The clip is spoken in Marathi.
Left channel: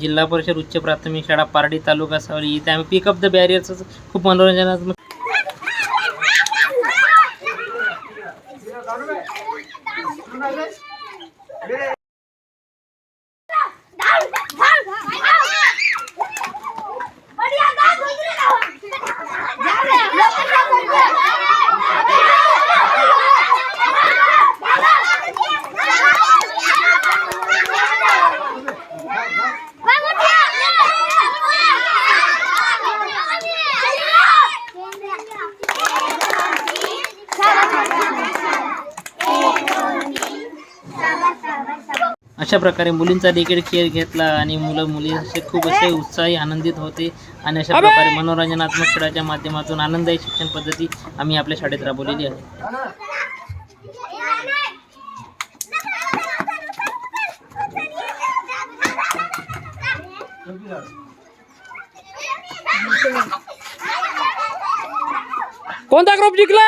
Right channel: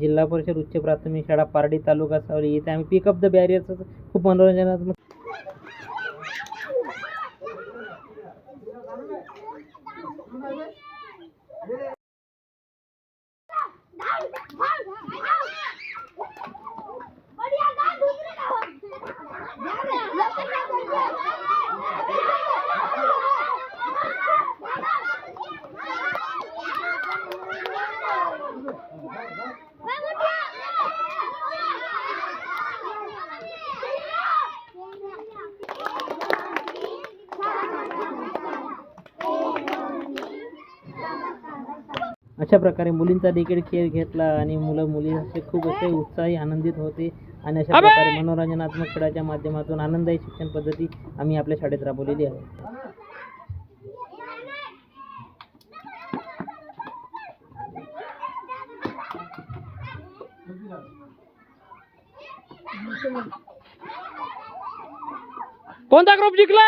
जिल्हा परिषद उच्च प्राथमिक शाळा पारडी तालुका सावली. इथे आम्ही पिकअप द बॅरियरचं खूप मनोरंजनात्मक अशा प्रकारे मुलींचा देखील खेळ घेतला आणि मुलं मुली असे खूप असे उत्साही आनंदित होते. आणि अशा प्रकारे मनोरंजनात्मक खेळाच्या माध्यमातून आनंददायी शिक्षण पद्धती आम्ही आपल्या शाळेत राबवलेली आहे. कोणता ग्रुप जिंकला